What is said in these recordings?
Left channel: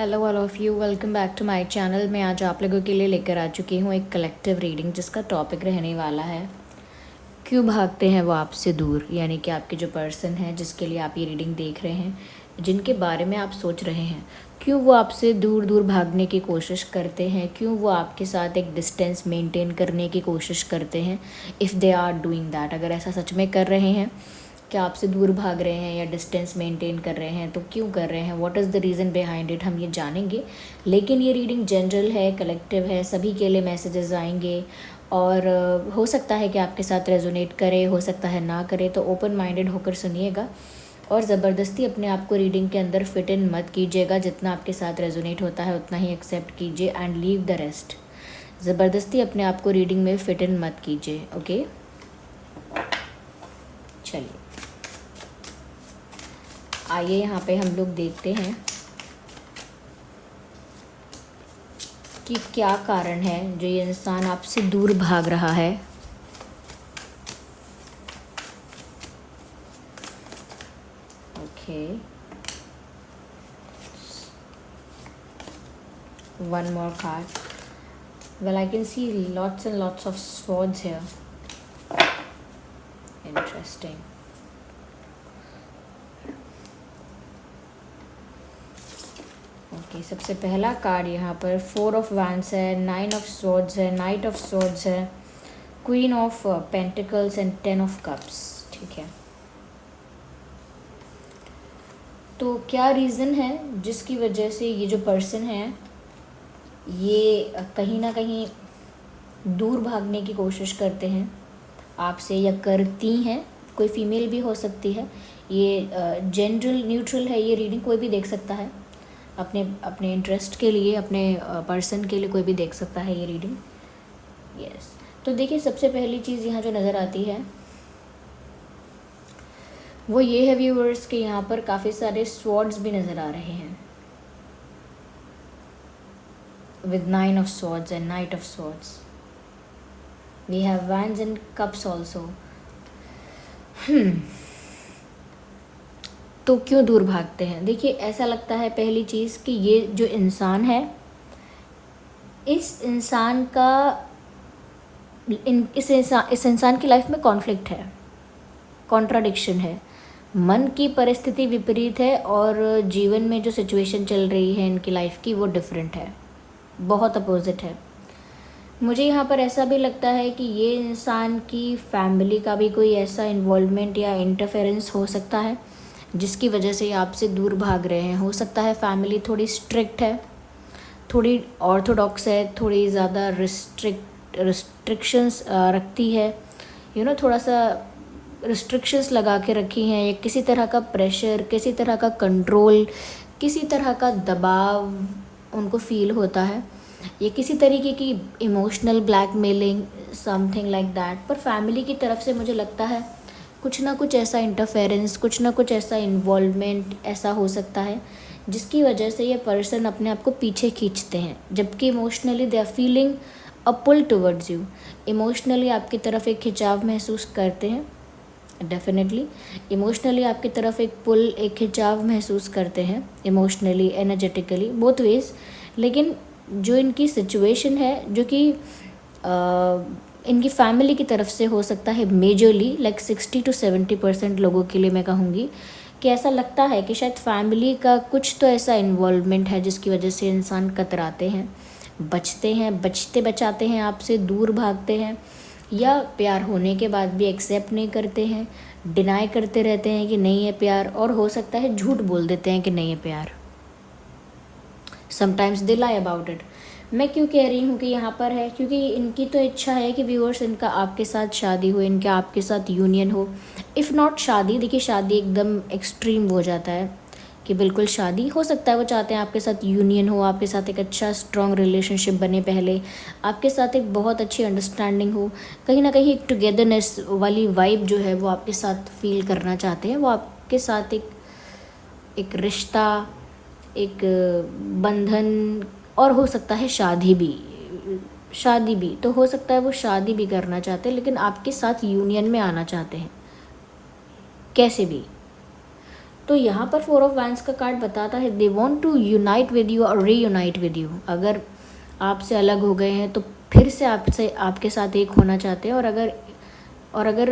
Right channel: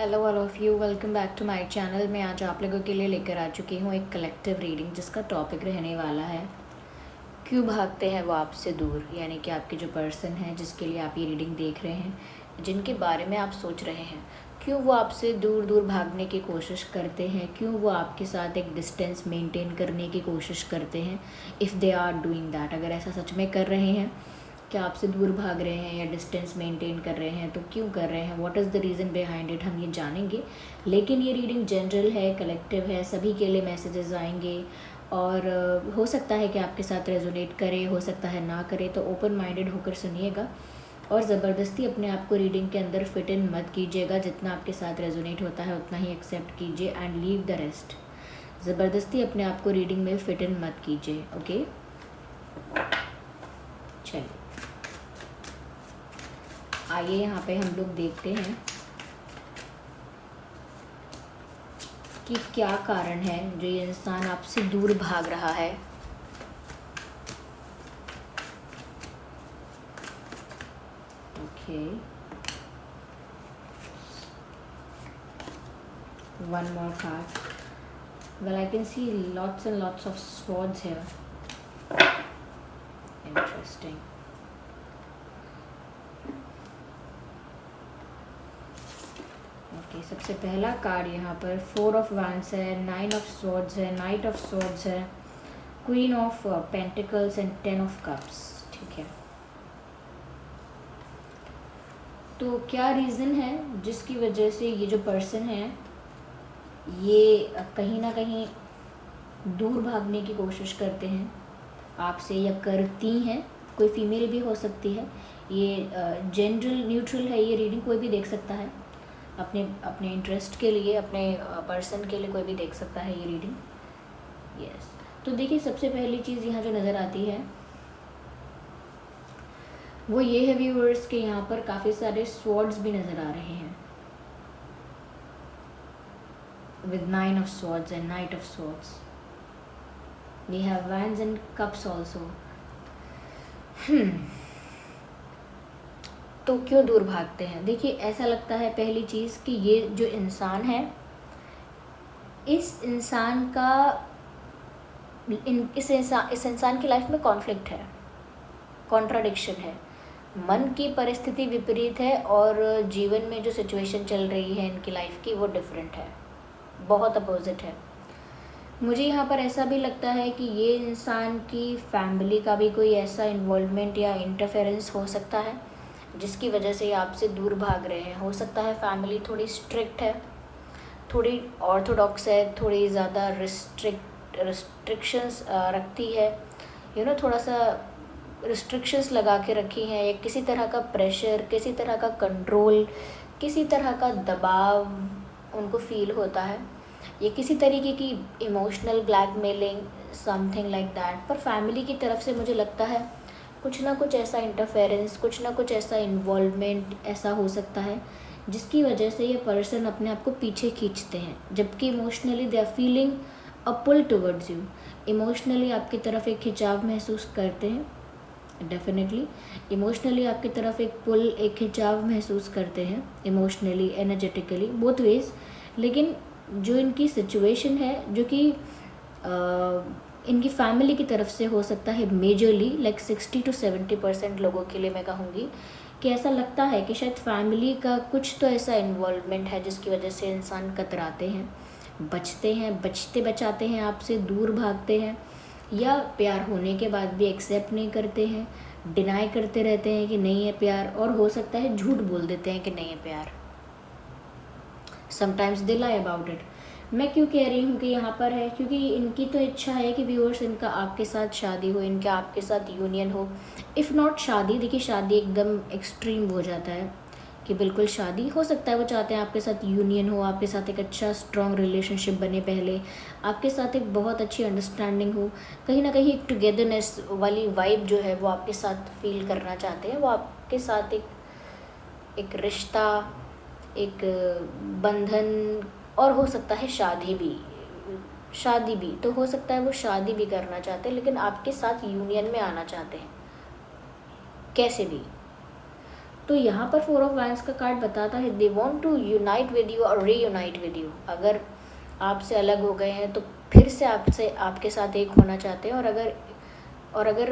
Hello all of you, welcome back to my channel. मैं आज आप लोगों के लिए लेकर आ चुकी हूँ एक कलेक्टिव रीडिंग जिसका टॉपिक रहने वाला है क्यों भागते हैं वो आपसे दूर। यानी कि आपके जो पर्सन है जिसके लिए आप ये रीडिंग देख रहे हैं, जिनके बारे में आप सोच रहे हैं, क्यों वो आपसे दूर दूर भागने की कोशिश करते हैं, क्यों वो आपके साथ एक डिस्टेंस मेंटेन करने की कोशिश करते हैं। If they are doing that, अगर ऐसा सच में कर रहे हैं कि आपसे दूर भाग रहे हैं या डिस्टेंस मेंटेन कर रहे हैं, तो क्यों कर रहे हैं, what is the reason behind it, हम ये जानेंगे। लेकिन ये रीडिंग जनरल है, कलेक्टिव है, सभी के लिए मैसेजेस आएंगे और हो सकता है कि आपके साथ रेजोनेट करे, हो सकता है ना करे। तो ओपन माइंडेड होकर सुनिएगा और ज़बरदस्ती अपने आप को रीडिंग के अंदर फिट इन मत कीजिएगा। जितना आपके साथ रेजोनेट होता है उतना ही एक्सेप्ट कीजिए एंड लीव द रेस्ट। ज़बरदस्ती अपने आप को रीडिंग में फिट इन मत कीजिए। ओके, चलिए आइए यहाँ पे हम लोग देखते हैं कि क्या कारण है जो ये इंसान आपसे दूर भाग रहा है। Okay, one more card. Well, I can see lots and lots of swords here. Interesting. Okay, सबसे पहला कार्ड यहाँ पर 4 ऑफ wands है, 9 ऑफ swords है, नाइट ऑफ swords है, queen of pentacles and 10 of cups. ठीक है, तो क्या रीज़न है जिसकी वजह से ये जो पर्सन है ये कहीं ना कहीं दूर भागने की कोशिश करते हैं आपसे या करती हैं। कोई फीमेल भी हो सकती है, ये जनरल न्यूट्रल है, ये रीडिंग कोई भी देख सकता है अपने अपने इंटरेस्ट के लिए, अपने पर्सन के लिए कोई भी देख सकता है ये रीडिंग। यस, तो देखिए सबसे पहली चीज़ यहाँ जो नज़र आती है वो ये है व्यूअर्स के यहाँ पर काफ़ी सारे स्वॉर्ड्स भी नज़र आ रहे हैं with 9 of swords and knight of swords. We have wands and cups also. तो क्यों दूर भागते हैं? देखिए ऐसा लगता है पहली चीज़ कि ये जो इंसान है, इस इंसान का इस इंसान की लाइफ में कॉन्फ्लिक्ट है, कॉन्ट्राडिक्शन है, मन की परिस्थिति विपरीत है और जीवन में जो सिचुएशन चल रही है इनकी लाइफ की वो डिफरेंट है, बहुत अपोजिट है। मुझे यहाँ पर ऐसा भी लगता है कि ये इंसान की फैमिली का भी कोई ऐसा इन्वॉल्वमेंट या इंटरफेरेंस हो सकता है जिसकी वजह से ये आपसे दूर भाग रहे हैं। हो सकता है फैमिली थोड़ी स्ट्रिक्ट है, थोड़ी ऑर्थोडॉक्स है, थोड़ी ज़्यादा रिस्ट्रिक्शंस रखती है, थोड़ा सा रिस्ट्रिक्शंस लगा के रखी हैं, या किसी तरह का प्रेशर, किसी तरह का कंट्रोल, किसी तरह का दबाव उनको फील होता है, या किसी तरीके की emotional blackmailing, something like that. पर फैमिली की तरफ से मुझे लगता है कुछ ना कुछ ऐसा इंटरफेरेंस, कुछ ना कुछ ऐसा इन्वॉल्वमेंट ऐसा हो सकता है जिसकी वजह से ये पर्सन अपने आप को पीछे खींचते हैं, जबकि emotionally they are feeling a pull towards you. Emotionally आपकी तरफ एक खिंचाव महसूस करते हैं, डेफिनेटली इमोशनली आपकी तरफ एक पुल, एक खिंचाव महसूस करते हैं, इमोशनली, एनर्जेटिकली, बोथ वेज। लेकिन जो इनकी सिचुएशन है, जो कि इनकी फैमिली की तरफ से हो सकता है मेजरली, लाइक 60 to 70% लोगों के लिए मैं कहूँगी कि ऐसा लगता है कि शायद फैमिली का कुछ तो ऐसा इन्वॉल्वमेंट है जिसकी वजह से इंसान कतराते हैं, बचते हैं, बचते बचाते हैं, आपसे दूर भागते हैं, या प्यार होने के बाद भी एक्सेप्ट नहीं करते हैं, डिनाई करते रहते हैं कि नहीं है प्यार, और हो सकता है झूठ बोल देते हैं कि नहीं है प्यार। Sometimes they lie about it. मैं क्यों कह रही हूँ कि यहाँ पर है, क्योंकि इनकी तो इच्छा है कि व्यूअर्स इनका आपके साथ शादी हो, इनका आपके साथ यूनियन हो। इफ़ नॉट शादी, देखिए शादी एकदम एक्सट्रीम हो जाता है कि बिल्कुल शादी हो सकता है, वो चाहते हैं आपके साथ यूनियन हो, आपके साथ एक अच्छा स्ट्रॉन्ग रिलेशनशिप बने, पहले आपके साथ एक बहुत अच्छी अंडरस्टैंडिंग हो, कहीं ना कहीं एक टुगेदरनेस वाली वाइब जो है वो आपके साथ फील करना चाहते हैं, वो आपके साथ एक रिश्ता, एक बंधन, और हो सकता है शादी भी तो हो सकता है वो शादी भी करना चाहते हैं, लेकिन आपके साथ यूनियन में आना चाहते हैं कैसे भी। तो यहाँ पर 4 ऑफ वैंड्स का कार्ड बताता है they want to unite with you और रीयूनाइट विद यू। अगर आपसे अलग हो गए हैं तो फिर से आपके साथ एक होना चाहते हैं, और अगर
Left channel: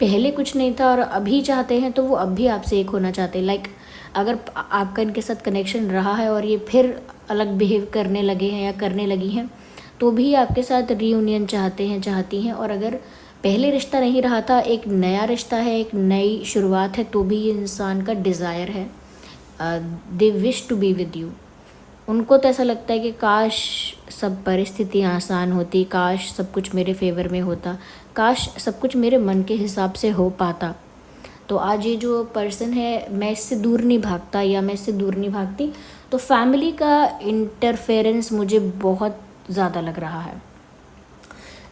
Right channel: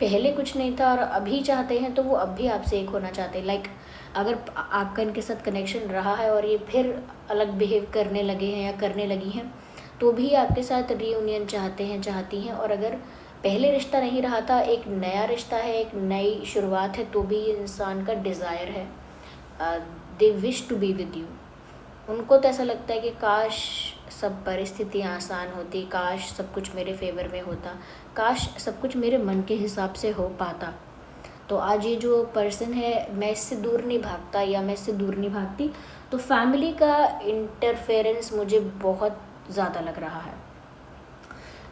पहले कुछ नहीं था और अभी चाहते हैं तो वो अब भी आपसे एक होना चाहते हैं। लाइक अगर आपका इनके साथ कनेक्शन रहा है और ये फिर अलग बिहेव करने लगे हैं या करने लगी हैं तो भी आपके साथ रीयूनियन चाहते हैं, चाहती हैं। और अगर पहले रिश्ता नहीं रहा था, एक नया रिश्ता है, एक नई शुरुआत है, तो भी ये इंसान का डिज़ायर है, they wish to be with you. उनको तो ऐसा लगता है कि काश सब परिस्थितियाँ आसान होती, काश सब कुछ मेरे फेवर में होता, काश सब कुछ मेरे मन के हिसाब से हो पाता। तो आज ये जो पर्सन है, मैं इससे दूर नहीं भागता या मैं इससे दूर नहीं भागती। तो फैमिली का इंटरफेरेंस मुझे बहुत ज़्यादा लग रहा है।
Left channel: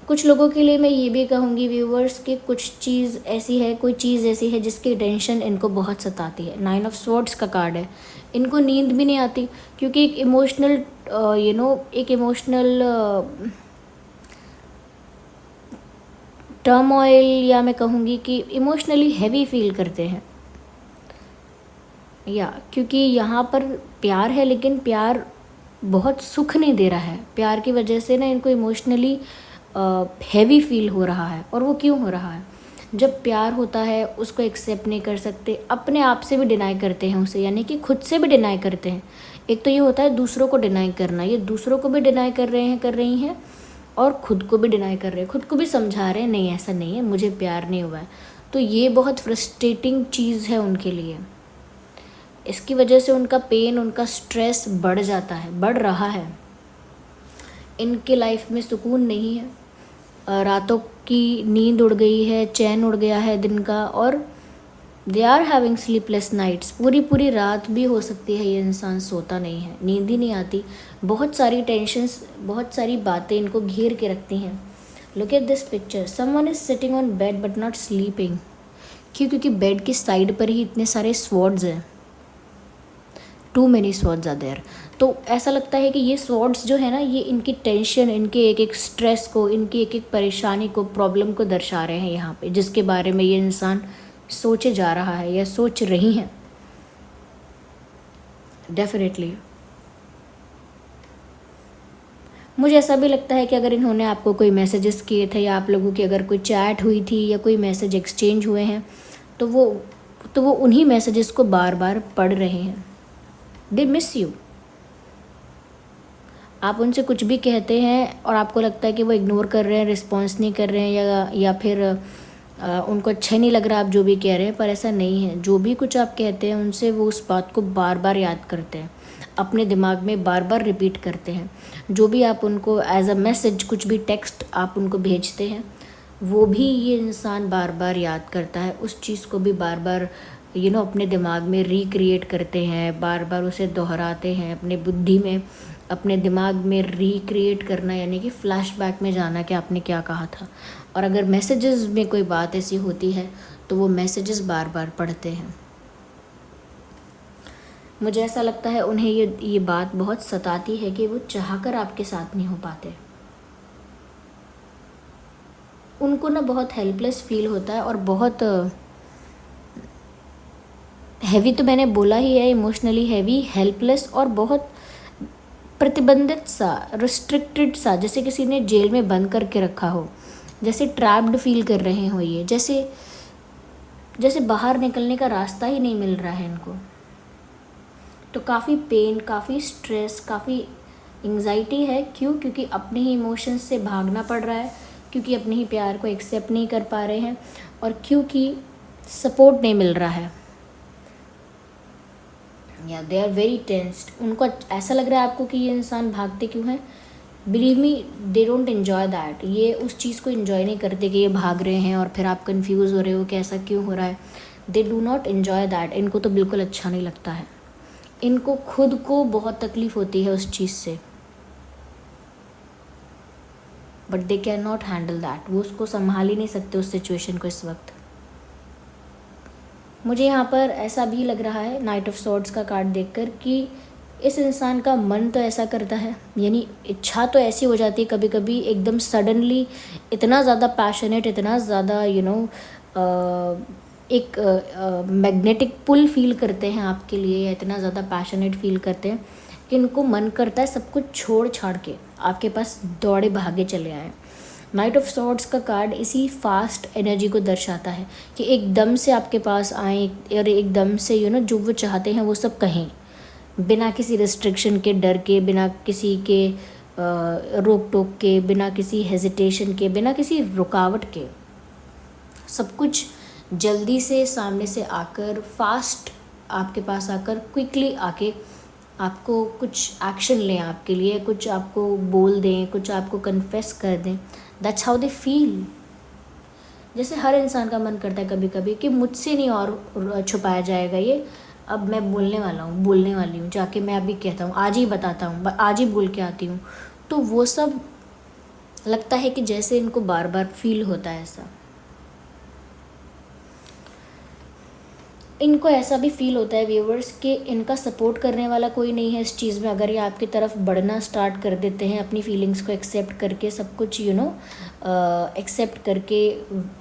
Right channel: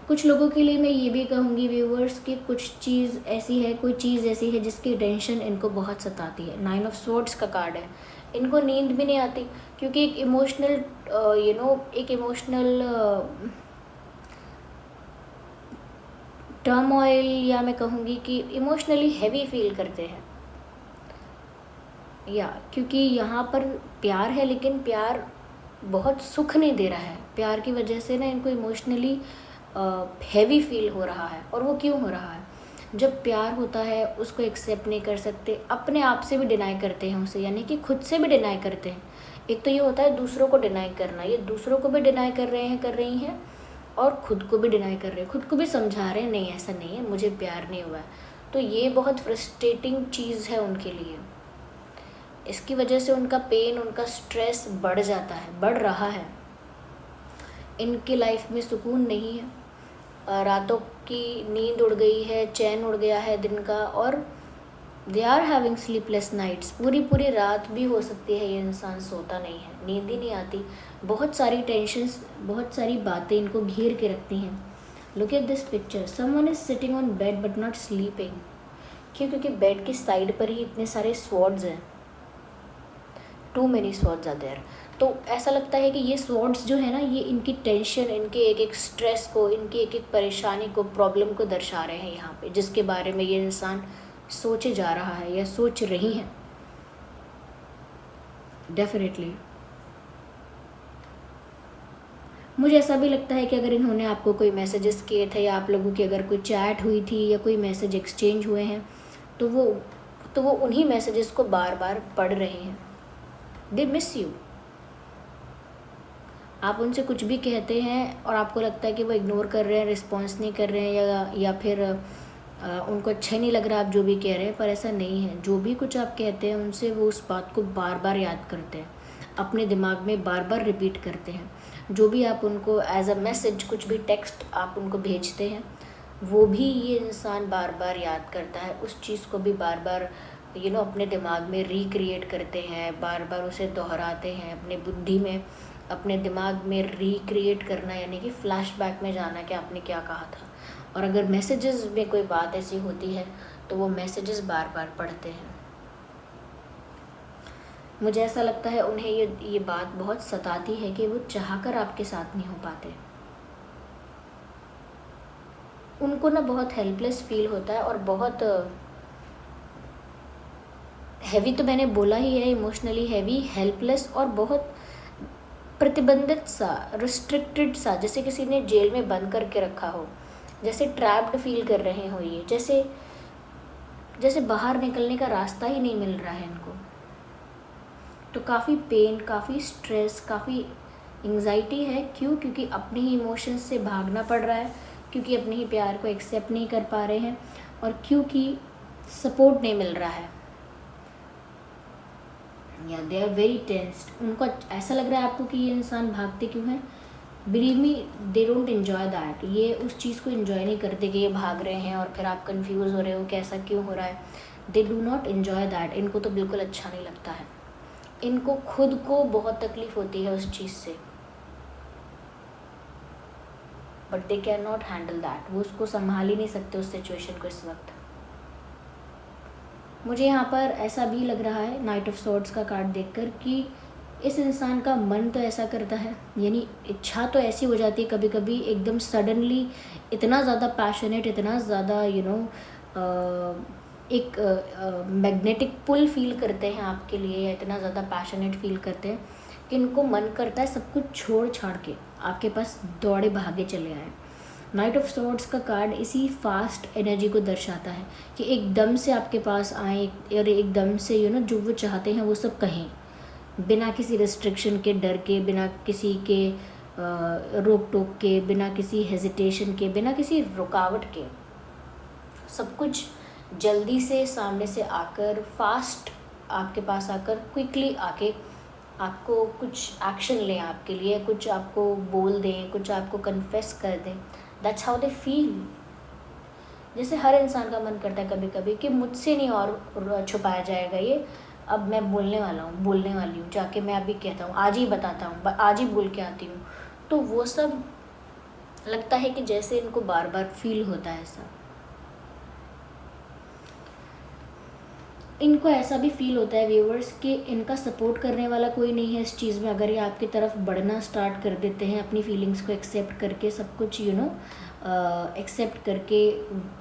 कुछ लोगों के लिए मैं ये भी कहूँगी व्यूवर्स कि कुछ चीज़ ऐसी है, कोई चीज़ ऐसी है जिसकी टेंशन इनको बहुत सताती है। 9 ऑफ स्वॉर्ड्स का कार्ड है। इनको नींद भी नहीं आती क्योंकि एक इमोशनल टर्मोइल, या मैं कहूँगी कि इमोशनली हैवी फील करते हैं, या क्योंकि यहाँ पर प्यार है लेकिन प्यार बहुत सुख नहीं दे रहा है। प्यार की वजह से ना इनको इमोशनली हैवी फील हो रहा है। और वो क्यों हो रहा है? जब प्यार होता है उसको एक्सेप्ट नहीं कर सकते, अपने आप से भी डिनाई करते हैं उसे, यानी कि खुद से भी डिनाई करते हैं। एक तो ये होता है दूसरों को डिनाई करना, ये दूसरों को भी डिनाई कर रही हैं और खुद को भी डिनाई कर रहे हैं, खुद को भी समझा रहे हैं नहीं ऐसा नहीं है, मुझे प्यार नहीं हुआ है। तो ये बहुत फ्रस्ट्रेटिंग चीज़ है उनके लिए। इसकी वजह से उनका पेन, उनका स्ट्रेस बढ़ जाता है, बढ़ रहा है। इनके लाइफ में सुकून नहीं है, रातों की नींद उड़ गई है, चैन उड़ गया है दिन का, और they are having sleepless nights. पूरी रात भी हो सकती है ये इंसान सोता नहीं है, नींद ही नहीं आती। बहुत सारी टेंशन्स, बहुत सारी बातें इनको घेर के रखती हैं। Look at this picture, someone is sitting on bed but not sleeping. क्यों? क्योंकि बेड की साइड पर ही इतने सारे स्वॉर्ड्स हैं, too many swords are there. तो ऐसा लगता है कि ये स्वॉर्ड्स जो है ना, ये इनकी टेंशन, इनके एक एक स्ट्रेस को, इनकी एक एक परेशानी को, प्रॉब्लम को दर्शा रहे हैं यहाँ पे, जिसके बारे में ये इंसान सोचे जा रहा है या सोच रही हैं। डेफिनेटली मुझे ऐसा भी लगता है कि अगर इन्होंने आपको कोई मैसेजेस किए थे या आप लोगों की अगर कोई चैट हुई थी या कोई मैसेज एक्सचेंज हुए हैं तो वो उन्हीं मैसेजेस को बार बार पढ़ रहे हैं। They miss you. आप उनसे कुछ भी कहते हैं और आपको लगता है कि वो इग्नोर कर रहे हैं, रिस्पॉन्स नहीं कर रहे हैं, या फिर उनको अच्छा नहीं लग रहा आप जो भी कह रहे हैं, पर ऐसा नहीं है। जो भी कुछ आप कहते हैं उनसे, वो उस बात को बार बार याद करते हैं, अपने दिमाग में बार बार रिपीट करते हैं। जो भी आप उनको एज अ मैसेज, कुछ भी टेक्स्ट आप उनको भेजते हैं, वो भी ये इंसान बार बार याद करता है। उस चीज़ को भी बार बार अपने दिमाग में रिक्रिएट करते हैं, बार बार उसे दोहराते हैं अपनी बुद्धि में, अपने दिमाग में रिक्रिएट करना, यानी कि फ्लैशबैक में जाना कि आपने क्या कहा था। और अगर मैसेजेस में कोई बात ऐसी होती है तो वो मैसेजेस बार बार पढ़ते हैं। मुझे ऐसा लगता है उन्हें ये बात बहुत सताती है कि वो चाहकर आपके साथ नहीं हो पाते। उनको ना बहुत हेल्पलेस फील होता है और बहुत हैवी, तो मैंने बोला ही है, इमोशनली हैवी, हेल्पलेस और बहुत प्रतिबंधित सा, रिस्ट्रिक्टेड सा, जैसे किसी ने जेल में बंद करके रखा हो, जैसे ट्रैप्ड फील कर रहे हो ये, जैसे बाहर निकलने का रास्ता ही नहीं मिल रहा है इनको। तो काफ़ी पेन, काफ़ी स्ट्रेस, काफ़ी एंग्जाइटी है। क्यों? क्योंकि अपने ही इमोशंस से भागना पड़ रहा है, क्योंकि अपने ही प्यार को एक्सेप्ट नहीं कर पा रहे हैं, और क्योंकि सपोर्ट नहीं मिल रहा है, या दे आर वेरी टेंस्ड। उनको ऐसा लग रहा है आपको कि ये इंसान भागते क्यों हैं। Believe me, they don't enjoy that. ये उस चीज़ को एंजॉय नहीं करते कि ये भाग रहे हैं और फिर आप कंफ्यूज हो रहे हो कि ऐसा क्यों हो रहा है। They do not enjoy that. इनको तो बिल्कुल अच्छा नहीं लगता है। इनको खुद को बहुत तकलीफ होती है उस चीज़ से, but they can not handle that. वो उसको संभाल ही नहीं सकते उस सिचुएशन को इस वक्त। मुझे यहाँ पर ऐसा भी लग रहा है नाइट ऑफ सॉर्ड्स का कार्ड देखकर कि इस इंसान का मन तो ऐसा करता है, यानी इच्छा तो ऐसी हो जाती है कभी कभी एकदम सडनली, इतना ज़्यादा पैशनेट, इतना ज़्यादा एक मैग्नेटिक पुल फील करते हैं आपके लिए, या इतना ज़्यादा पैशनेट फील करते हैं कि इनको मन करता है सब कुछ छोड़ छाड़ के आपके पास दौड़े भागे चले आए। नाइट ऑफ सॉर्ड्स का कार्ड इसी फास्ट एनर्जी को दर्शाता है कि एकदम से आपके पास आए और एकदम से जो वो चाहते हैं वो सब कहें, बिना किसी रिस्ट्रिक्शन के, डर के, बिना किसी के रोक टोक के, बिना किसी हेजिटेशन के, बिना किसी रुकावट के, सब कुछ जल्दी से सामने से आकर, फास्ट आपके पास आकर, क्विकली आके आपको कुछ एक्शन लें आपके लिए, कुछ आपको बोल दें, कुछ आपको कन्फेस कर दें। That's how they feel. जैसे हर इंसान का मन करता है कभी कभी कि मुझसे नहीं और छुपाया जाएगा ये, अब मैं बोलने वाला हूँ, बोलने वाली हूँ, जाके मैं अभी कहता हूँ, आज ही बताता हूँ, आज ही बोल के आती हूँ। तो वो सब लगता है कि जैसे इनको बार बार फील होता है ऐसा। इनको ऐसा भी फील होता है व्यूवर्स कि इनका सपोर्ट करने वाला कोई नहीं है इस चीज़ में। अगर ये आपकी तरफ बढ़ना स्टार्ट कर देते हैं, अपनी फीलिंग्स को एक्सेप्ट करके, सब कुछ एक्सेप्ट करके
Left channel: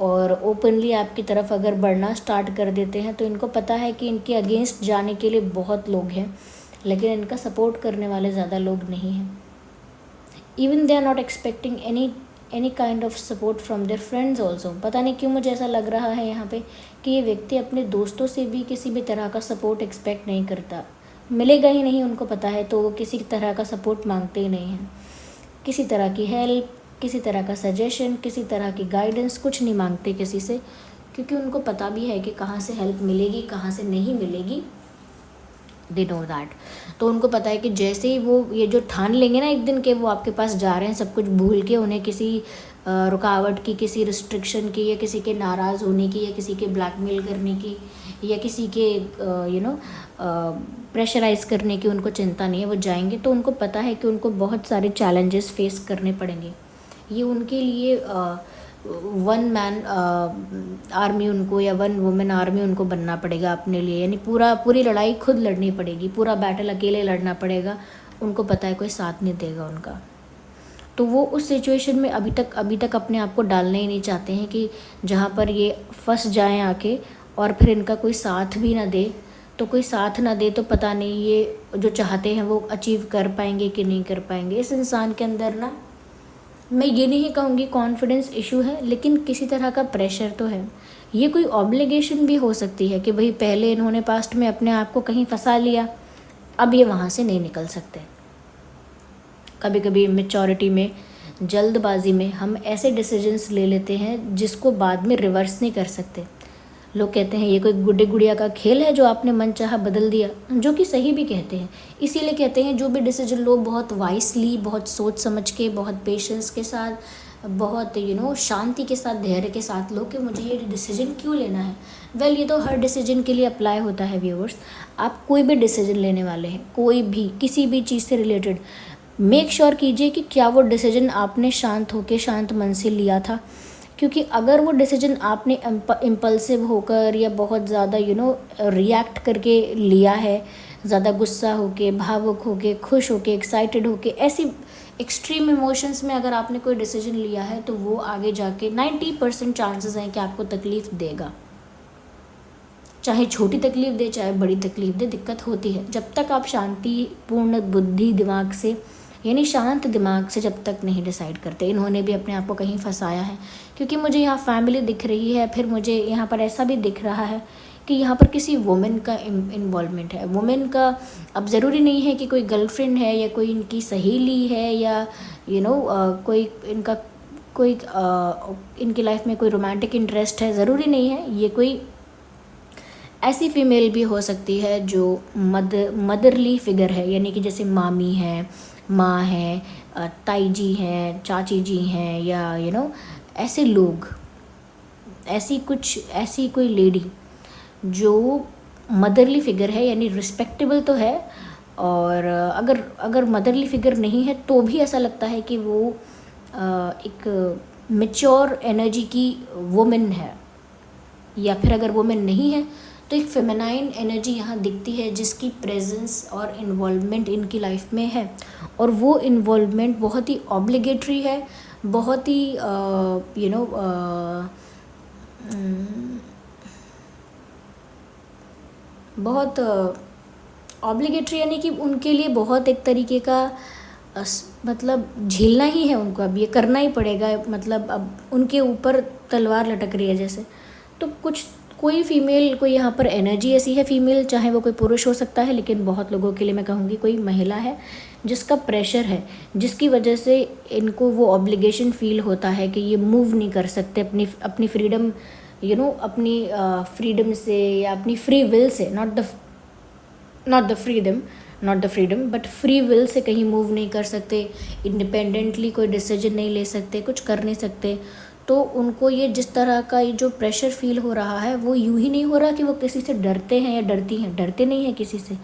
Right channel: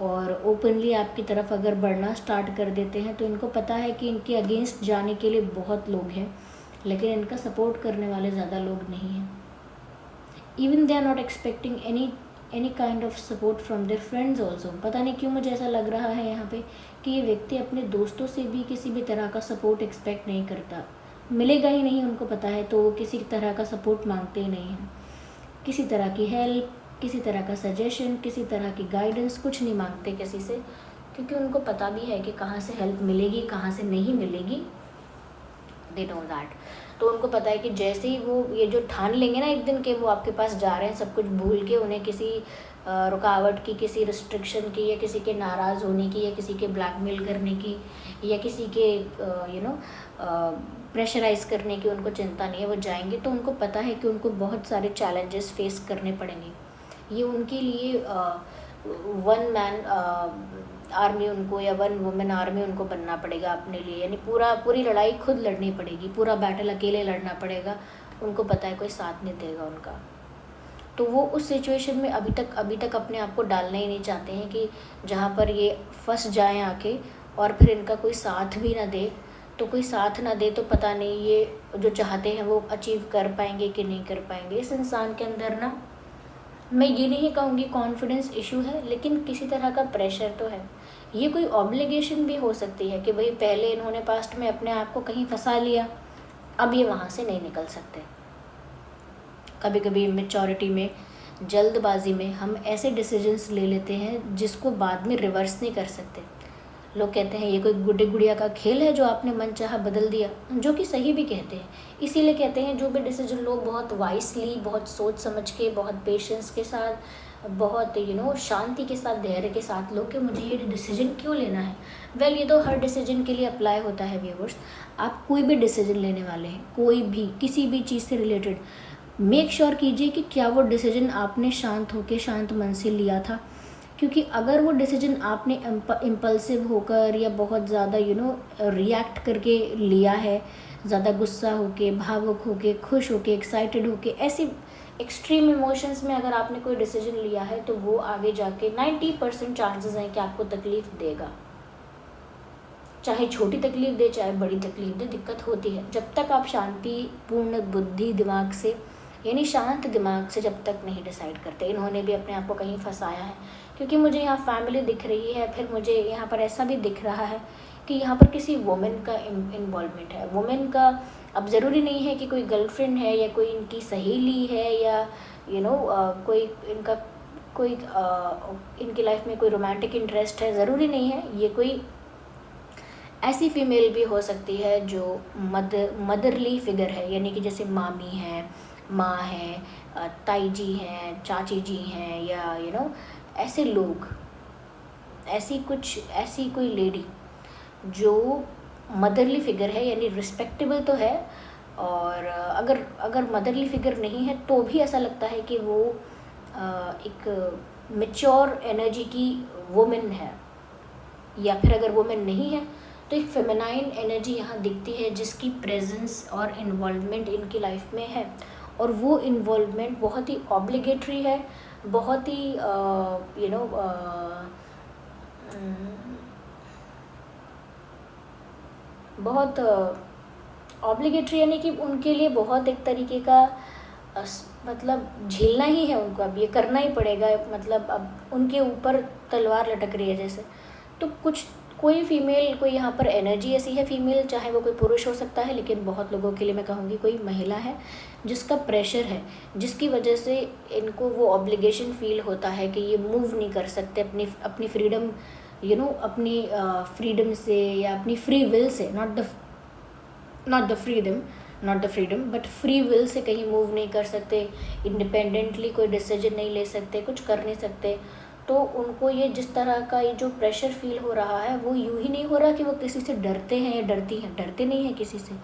और ओपनली आपकी तरफ अगर बढ़ना स्टार्ट कर देते हैं, तो इनको पता है कि इनके अगेंस्ट जाने के लिए बहुत लोग हैं, लेकिन इनका सपोर्ट करने वाले ज़्यादा लोग नहीं हैं। Even they are not expecting any kind of support from their friends also. पता नहीं क्यों मुझे ऐसा लग रहा है यहाँ पे कि ये व्यक्ति अपने दोस्तों से भी किसी भी तरह का सपोर्ट एक्सपेक्ट नहीं करता, मिलेगा ही नहीं, उनको पता है, तो वो किसी तरह का सपोर्ट मांगते ही नहीं हैं। किसी तरह की हेल्प, किसी तरह का सजेशन, किसी तरह की गाइडेंस कुछ नहीं मांगते किसी से, क्योंकि उनको पता भी है कि कहाँ से हेल्प मिलेगी, कहाँ से नहीं मिलेगी। They know that. तो उनको पता है कि जैसे ही वो ये जो ठान लेंगे ना एक दिन के वो आपके पास जा रहे हैं सब कुछ भूल के, उन्हें किसी रुकावट की, किसी रिस्ट्रिक्शन की, या किसी के नाराज़ होने की, या किसी के ब्लैकमेल करने की, या किसी के प्रेशराइज करने की उनको चिंता नहीं है। वो जाएंगे तो उनको पता है कि उनको बहुत सारे चैलेंजेस फेस करने पड़ेंगे। ये उनके लिए वन मैन आर्मी उनको, या वन वुमेन आर्मी उनको बनना पड़ेगा अपने लिए, यानी पूरी लड़ाई खुद लड़नी पड़ेगी, पूरा बैटल अकेले लड़ना पड़ेगा। उनको पता है कोई साथ नहीं देगा उनका। तो वो उस सिचुएशन में अभी तक अपने आप को डालना ही नहीं चाहते हैं कि जहाँ पर ये फंस जाएं आके, और फिर इनका कोई साथ भी ना दे। तो कोई साथ ना दे तो पता नहीं ये जो चाहते हैं वो अचीव कर पाएंगे कि नहीं कर पाएंगे। इस इंसान के अंदर ना, मैं ये नहीं कहूँगी कॉन्फिडेंस इशू है, लेकिन किसी तरह का प्रेशर तो है। ये कोई ऑब्लिगेशन भी हो सकती है कि भाई पहले इन्होंने पास्ट में अपने आप को कहीं फंसा लिया, अब ये वहाँ से नहीं निकल सकते। कभी कभी मैच्योरिटी में, जल्दबाजी में हम ऐसे डिसीजंस ले लेते हैं जिसको बाद में रिवर्स नहीं कर सकते। लोग कहते हैं ये कोई गुड्डे गुड़िया का खेल है जो आपने मन चाहा बदल दिया, जो कि सही भी कहते हैं। इसीलिए कहते हैं जो भी डिसीजन लोग बहुत वाइसली, बहुत सोच समझ के, बहुत पेशेंस के साथ, बहुत शांति के साथ, धैर्य के साथ लो कि मुझे ये डिसीजन क्यों लेना है। वेल, ये तो हर डिसीजन के लिए अप्लाई होता है व्यूअर्स। आप कोई भी डिसीजन लेने वाले हैं, कोई भी किसी भी चीज़ से रिलेटेड, मेक श्योर कीजिए कि क्या वो डिसीजन आपने शांत होकर, शांत मन से लिया था। क्योंकि अगर वो डिसीजन आपने इम्पल्सिव होकर या बहुत ज़्यादा रिएक्ट करके लिया है, ज़्यादा गुस्सा होके, भावुक होके, खुश होके, एक्साइटेड होके, ऐसे एक्सट्रीम इमोशंस में अगर आपने कोई डिसीजन लिया है, तो वो आगे जाके 90% चांसेस हैं कि आपको तकलीफ़ देगा। चाहे छोटी तकलीफ़ दे, चाहे बड़ी तकलीफ़ दे, दिक्कत होती है। जब तक आप शांतिपूर्ण बुद्धि दिमाग से, यानी शांत दिमाग से जब तक नहीं डिसाइड करते। इन्होंने भी अपने आप को कहीं फंसाया है, क्योंकि मुझे यहाँ फैमिली दिख रही है, फिर मुझे यहाँ पर ऐसा भी दिख रहा है कि यहाँ पर किसी वुमेन का इन्वॉल्वमेंट है। वुमेन का अब ज़रूरी नहीं है कि कोई गर्लफ्रेंड है, या कोई इनकी सहेली है, या कोई इनका कोई इनकी लाइफ में कोई रोमांटिक इंटरेस्ट है, ज़रूरी नहीं है। ये कोई ऐसी फीमेल भी हो सकती है जो मदरली फिगर है, यानी कि जैसे मामी है, माँ है, ताई जी हैं, चाची जी हैं, या ऐसे लोग, ऐसी कोई लेडी जो मदरली फिगर है, यानी रिस्पेक्टेबल तो है। और अगर मदरली फिगर नहीं है तो भी ऐसा लगता है कि वो एक मैच्योर एनर्जी की वुमेन है। या फिर अगर वुमेन नहीं है तो एक फेमिनाइन एनर्जी यहाँ दिखती है, जिसकी प्रेजेंस और इन्वॉल्वमेंट इनकी लाइफ में है। और वो इन्वॉल्वमेंट बहुत ही ऑब्लिगेटरी है, बहुत ही बहुत ऑब्लिगेटरी, यानी कि उनके लिए बहुत एक तरीके का मतलब झेलना ही है उनको, अब ये करना ही पड़ेगा, मतलब अब उनके ऊपर तलवार लटक रही है जैसे। तो कुछ कोई फीमेल, कोई यहाँ पर एनर्जी ऐसी है फीमेल, चाहे वो कोई पुरुष हो सकता है, लेकिन बहुत लोगों के लिए मैं कहूँगी कोई महिला है जिसका प्रेशर है, जिसकी वजह से इनको वो ऑब्लिगेशन फील होता है कि ये मूव नहीं कर सकते अपनी अपनी फ्रीडम, अपनी फ्रीडम से या अपनी free will say, not the freedom but free will say कहीं मूव नहीं कर सकते, इंडिपेंडेंटली कोई डिसीजन नहीं ले सकते, कुछ कर नहीं सकते। तो उनको ये जिस तरह का ये जो प्रेशर फील हो रहा है, वो यूं ही नहीं हो रहा कि वो किसी से डरते हैं या डरती हैं, डरते नहीं हैं किसी से।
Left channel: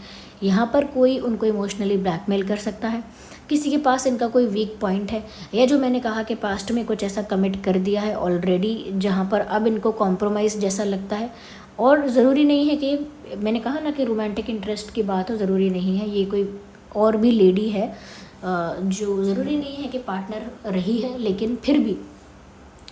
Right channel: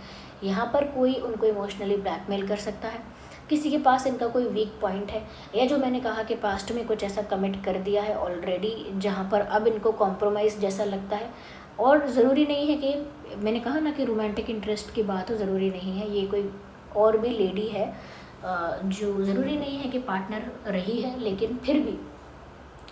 यहाँ पर कोई उनको इमोशनली ब्लैकमेल कर सकता है, किसी के पास इनका कोई वीक पॉइंट है, या जो मैंने कहा कि पास्ट में कुछ ऐसा कमिट कर दिया है ऑलरेडी, जहाँ पर अब इनको कॉम्प्रोमाइज़ जैसा लगता है। और ज़रूरी नहीं है कि, मैंने कहा ना कि रोमांटिक इंटरेस्ट की बात हो, ज़रूरी नहीं है, ये कोई और भी लेडी है जो ज़रूरी नहीं है कि पार्टनर रही है, लेकिन फिर भी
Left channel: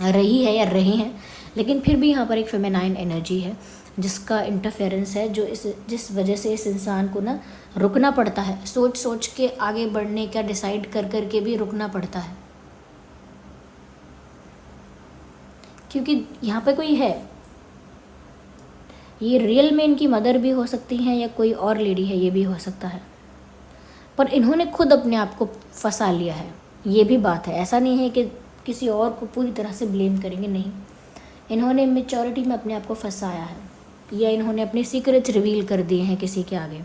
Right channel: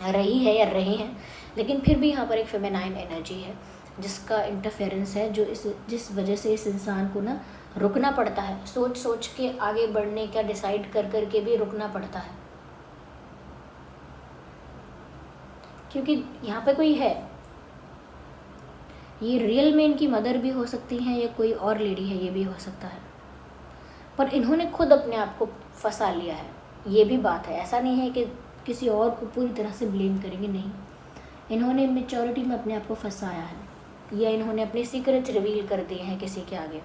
रही है या रहे हैं, लेकिन फिर भी यहाँ पर एक फेमिनाइन एनर्जी है जिसका इंटरफेरेंस है, जो जिस वजह से इस इंसान को ना रुकना पड़ता है, सोच सोच के आगे बढ़ने का डिसाइड कर कर के भी रुकना पड़ता है, क्योंकि यहाँ पे कोई है, ये रियल में इनकी मदर भी हो सकती हैं या कोई और लेडी है, ये भी हो सकता है, पर इन्होंने खुद अपने आप को फंसा लिया है, ये भी बात है। ऐसा नहीं है कि किसी और को पूरी तरह से ब्लेम करेंगे, नहीं, इन्होंने मेच्योरिटी में अपने आप को फंसाया है, या इन्होंने अपने सीक्रेट्स रिवील कर दिए हैं किसी के आगे।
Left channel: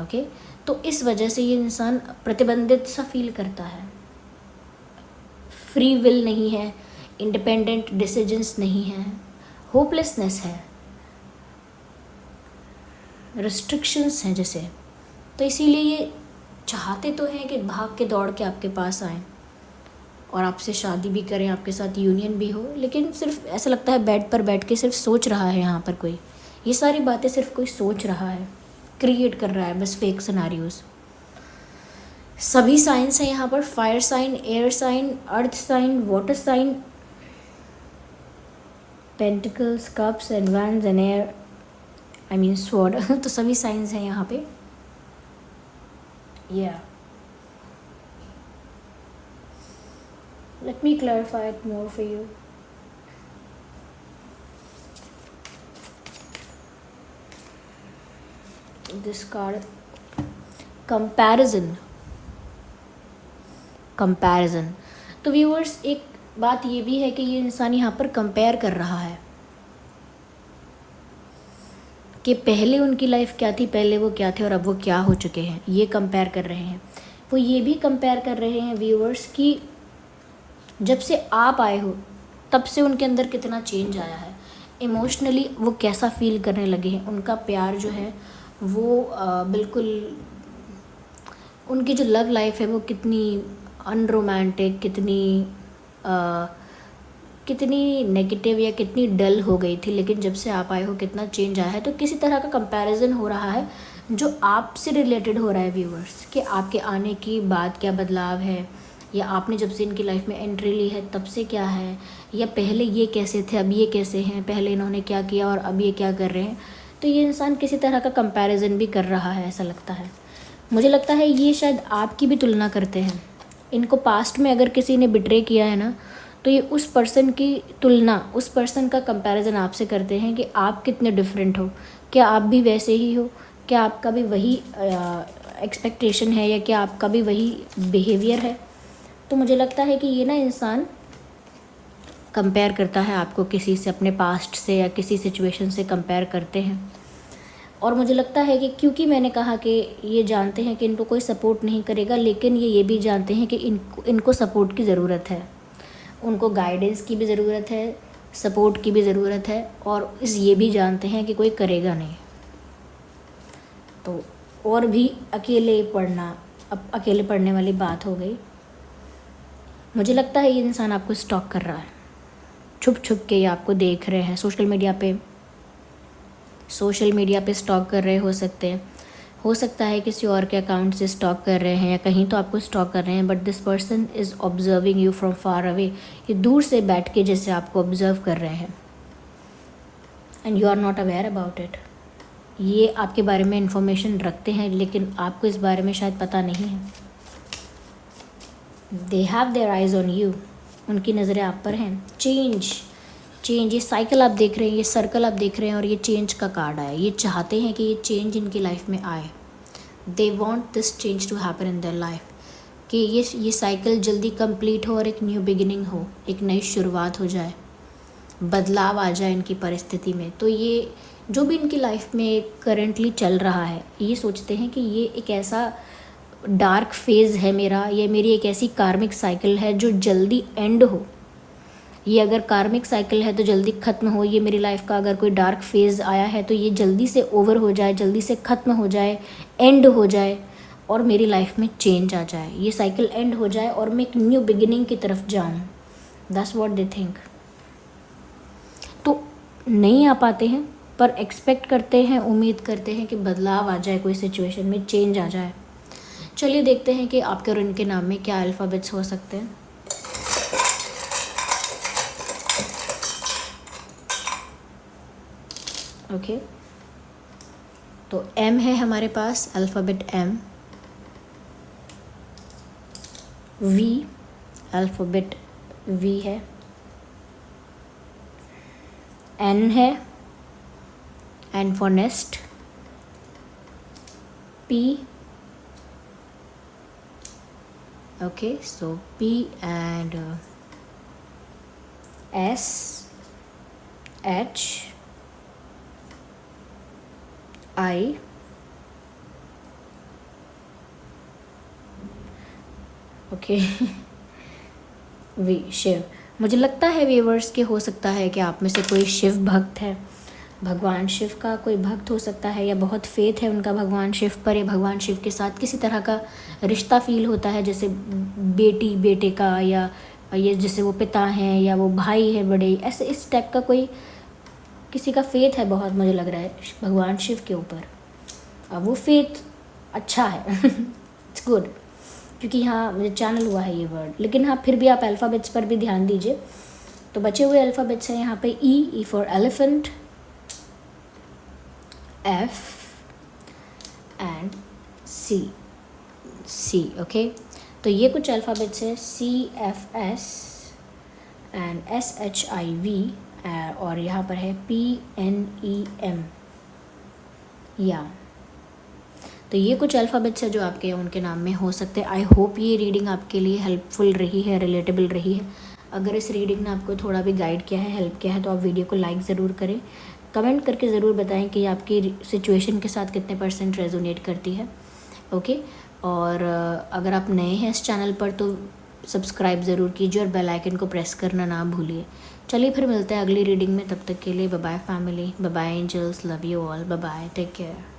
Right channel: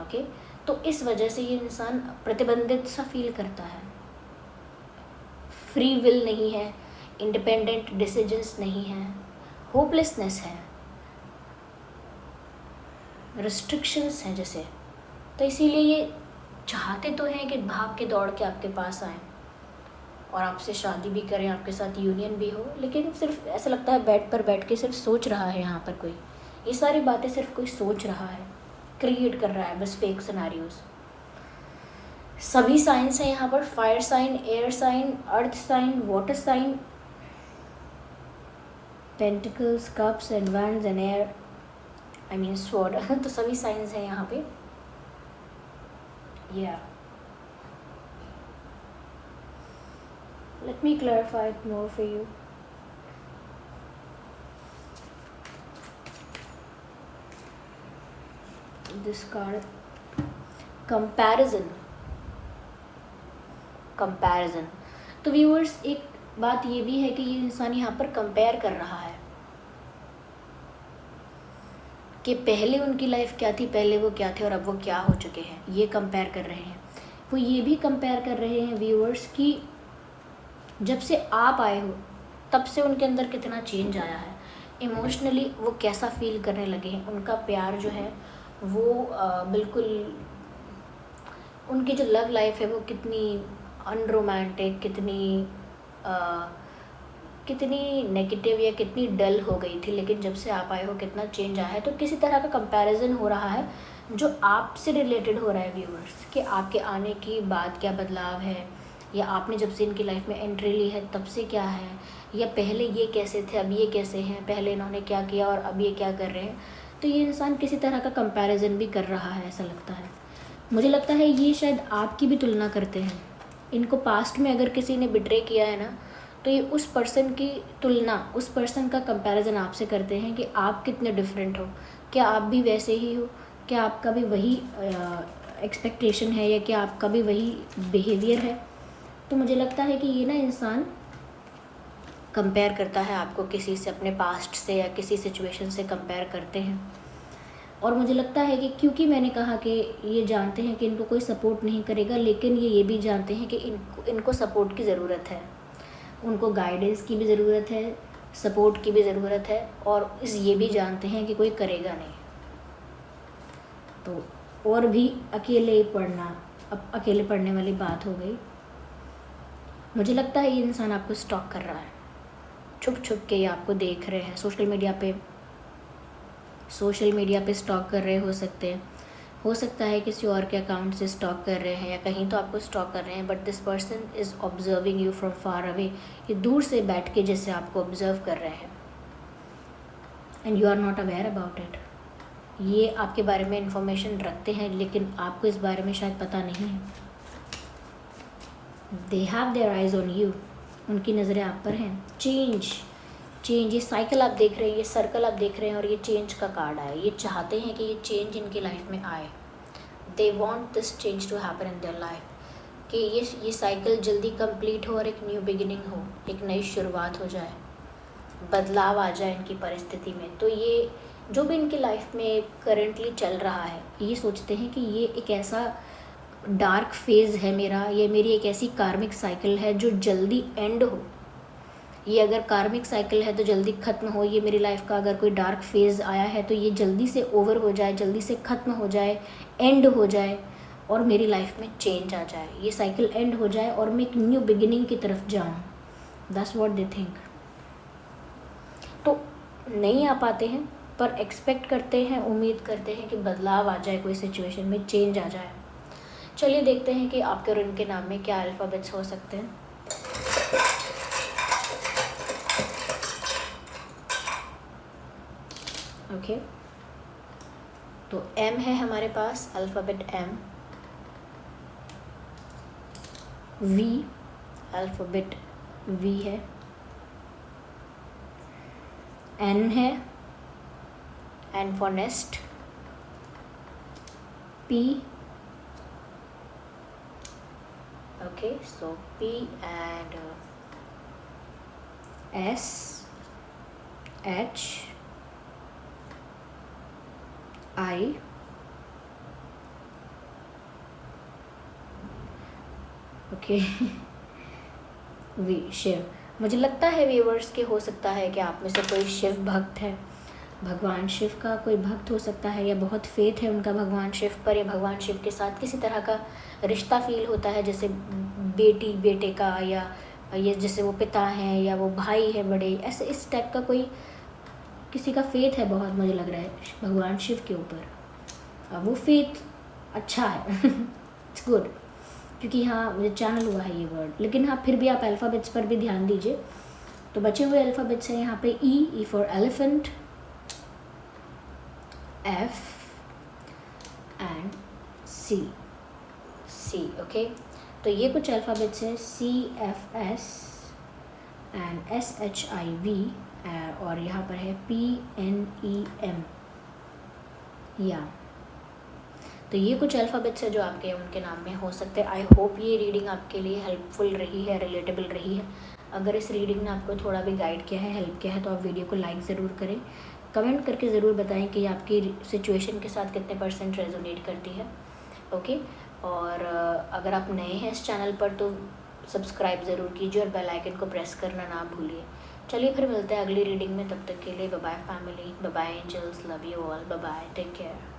ओके, तो इस वजह से ये इंसान प्रतिबंधित सा फील करता है, फ्री विल नहीं है, इंडिपेंडेंट डिसीजंस नहीं है, होपलेसनेस है, रिस्ट्रिक्शंस हैं जैसे। तो इसीलिए ये चाहते तो हैं कि भाग के दौड़ के आपके पास आएँ और आपसे शादी भी करें, आपके साथ यूनियन भी हो, लेकिन सिर्फ ऐसा लगता है बेड पर बैठ के सिर्फ सोच रहा है यहाँ पर कोई, ये सारी बातें सिर्फ कोई सोच रहा है, क्रिएट कर रहा है बस फेक सिनेरियोज। सभी साइंस हैं यहाँ पर, fire sign, air sign, earth sign, water sign, pentacles, cups and wands and air, I mean sword तो सभी साइंस हैं यहाँ पे। Yeah. Let me clarify it more for you. This card, comparison. तो व्यूअर्स, एक बात ये भी है कि ये इंसान यहाँ पर कंपेयर कर रहा है कि पहले उनकी लाइफ क्या थी, पहले वो क्या थे और अब वो क्या हो चुके हैं, ये कंपेयर कर रहे हैं। वो ये भी कंपेयर कर रहे हैं व्यूअर्स कि जब से आप आए हो तब से उनके अंदर कितना चेंज आया है, इमोशनली वो कैसा फील करने लगे हैं, उनका प्यार जो है वो बिल्कुल, उनकी जो लव लाइफ है वो कितनी अनरोमांटिक, कितनी नेगेटिव या कितनी डल हो गई थी, लेकिन जब से आप आए हो कितना चेंज आया है। तो किसी तरह का कंपैरिजन हो रहा है जो आपसे रिलेटेड हो रहा है व्यूअर्स, कि आपके आने की बाद क्या बदलाव है, या आपने जब से इनकी लाइफ में एंट्री ली है तब से क्या है, या पहले ये कैसे थे अब ये कैसे हैं, पहले इन्होंने क्या किया और अब ये क्या कर रहे हैं। तो ये इंसान किसी तरह का कंपैरिजन भी कर रहा है, ऐसा लगता है। मुझे लगता है ये शायद आपकी भी तुलना करते हैं। इनको पास्ट में अगर किसी ने बिट्रे किया है ना, तो ये उस पर्सन की तुलना, उस पर्सन का कंपैरिजन आपसे करते हैं कि आप कितने डिफरेंट हो, क्या आप भी वैसे ही हो, क्या आपका भी वही एक्सपेक्टेशन है, या क्या आपका भी वही बिहेवियर है। तो मुझे लगता है कि ये ना इंसान कंपेयर करता है आपको किसी से, अपने पास्ट से या किसी सिचुएशन से कंपेयर करते हैं। और मुझे लगता है कि क्योंकि मैंने कहा कि ये जानते हैं कि इनको कोई सपोर्ट नहीं करेगा, लेकिन ये भी जानते हैं कि इनको सपोर्ट की ज़रूरत है, उनको गाइडेंस की भी ज़रूरत है, सपोर्ट की भी ज़रूरत है, और ये भी जानते हैं कि कोई करेगा नहीं। तो और भी अकेले पढ़ना, अब अकेले पढ़ने वाली बात हो गई। मुझे लगता है ये इंसान आपको स्टॉक कर रहा है, छुप छुप के ये आपको देख रहे हैं, सोशल मीडिया पे स्टॉक कर रहे हो सकता है किसी और के अकाउंट से स्टॉक कर रहे हैं, या कहीं तो आपको स्टॉक कर रहे हैं, but this person is observing you from far away. ये दूर से बैठ के जैसे आपको ऑब्जर्व कर रहे हैं, and you are not aware about it. ये आपके बारे में इंफॉर्मेशन रखते हैं, लेकिन आपको इस बारे में शायद पता नहीं है। They have their eyes on you, उनकी नज़रें आप पर हैं। चेंज, ये साइकिल आप देख रहे हैं, ये सर्कल आप देख रहे हैं, और ये चेंज का कार्ड आया। ये चाहते हैं कि ये चेंज इनकी लाइफ में आए। They want this change to happen in their life, कि ये साइकिल जल्दी कंप्लीट हो और एक न्यू बिगिनिंग हो, एक नई शुरुआत हो जाए, बदलाव आ जाए इनकी परिस्थिति में। तो ये जो भी इनकी लाइफ में करेंटली चल रहा है, ये सोचते हैं कि ये एक ऐसा डार्क फेज़ है मेरा, ये मेरी एक ऐसी कार्मिक साइकिल है जो जल्दी एंड हो। ये अगर कार्मिक साइकिल है तो जल्दी ख़त्म हो। ये मेरी लाइफ का अगर कोई डार्क फेज़ आया है तो ये जल्दी से ओवर हो जाए, जल्दी से ख़त्म हो जाए, एंड हो जाए, और मेरी लाइफ में चेंज आ जाए। ये साइकिल एंड हो जाए और मैं एक न्यू बिगिनिंग की तरफ जाऊँ। That's what they think. तो नहीं आ पाते हैं, पर एक्सपेक्ट करते हैं, उम्मीद करते हैं कि बदलाव आ जाए, कोई सिचुएशन में चेंज आ जाए। चलिए देखते हैं कि आपके और उनके नाम में क्या अल्फ़ाबेट्स हो सकते हैं। ओके, तो एम है हमारे पास, alphabet M. V, alphabet V है। एन है, N for nest. P, okay, so P and S, H, I, okay, V, Shiv. मुझे लगता है व्यूअर्स के हो सकता है कि आप में से कोई शिव भक्त है, भगवान शिव का कोई भक्त हो सकता है, या बहुत फेथ है उनका भगवान शिव पर, या भगवान शिव के साथ किसी तरह का रिश्ता फील होता है, जैसे बेटी बेटे का, या ये जैसे वो पिता हैं या वो भाई है बड़े, ऐसे इस टाइप का कोई किसी का फेथ है बहुत, मुझे लग रहा है भगवान शिव के ऊपर। अब वो फेथ अच्छा है इट्स गुड, क्योंकि यहाँ मुझे चैनल हुआ है ये वर्ड। लेकिन हाँ, फिर भी आप अल्फ़ाबेट्स पर भी ध्यान दीजिए। तो बचे हुए अल्फ़ाबेट्स हैं यहाँ पे E for elephant, F and C, okay. तो ये कुछ अल्फ़ाबेट्स है, CFS and SHIV, और यहाँ पर है PNEM, या। तो ये कुछ अल्फ़ाबेट्स है जो आपके उनके नाम में हो सकते हैं। आई होप ये रीडिंग आपके लिए हेल्पफुल रही है, रिलेटेबल रही है। अगर इस रीडिंग ने आपको थोड़ा भी गाइड किया है, हेल्प किया है, तो आप वीडियो को लाइक ज़रूर करें। कमेंट करके ज़रूर बताएं कि आपकी सिचुएशन के साथ कितने % रेजोनेट करती है। ओके, और अगर आप नए हैं इस चैनल पर तो सब्सक्राइब ज़रूर कीजिए और बेल आइकन को प्रेस करना ना भूलिए। चलिए फिर मिलते हैं अगली रीडिंग में, तब तक के लिए bye bye family, bye bye angels, love you all, bye bye, take care.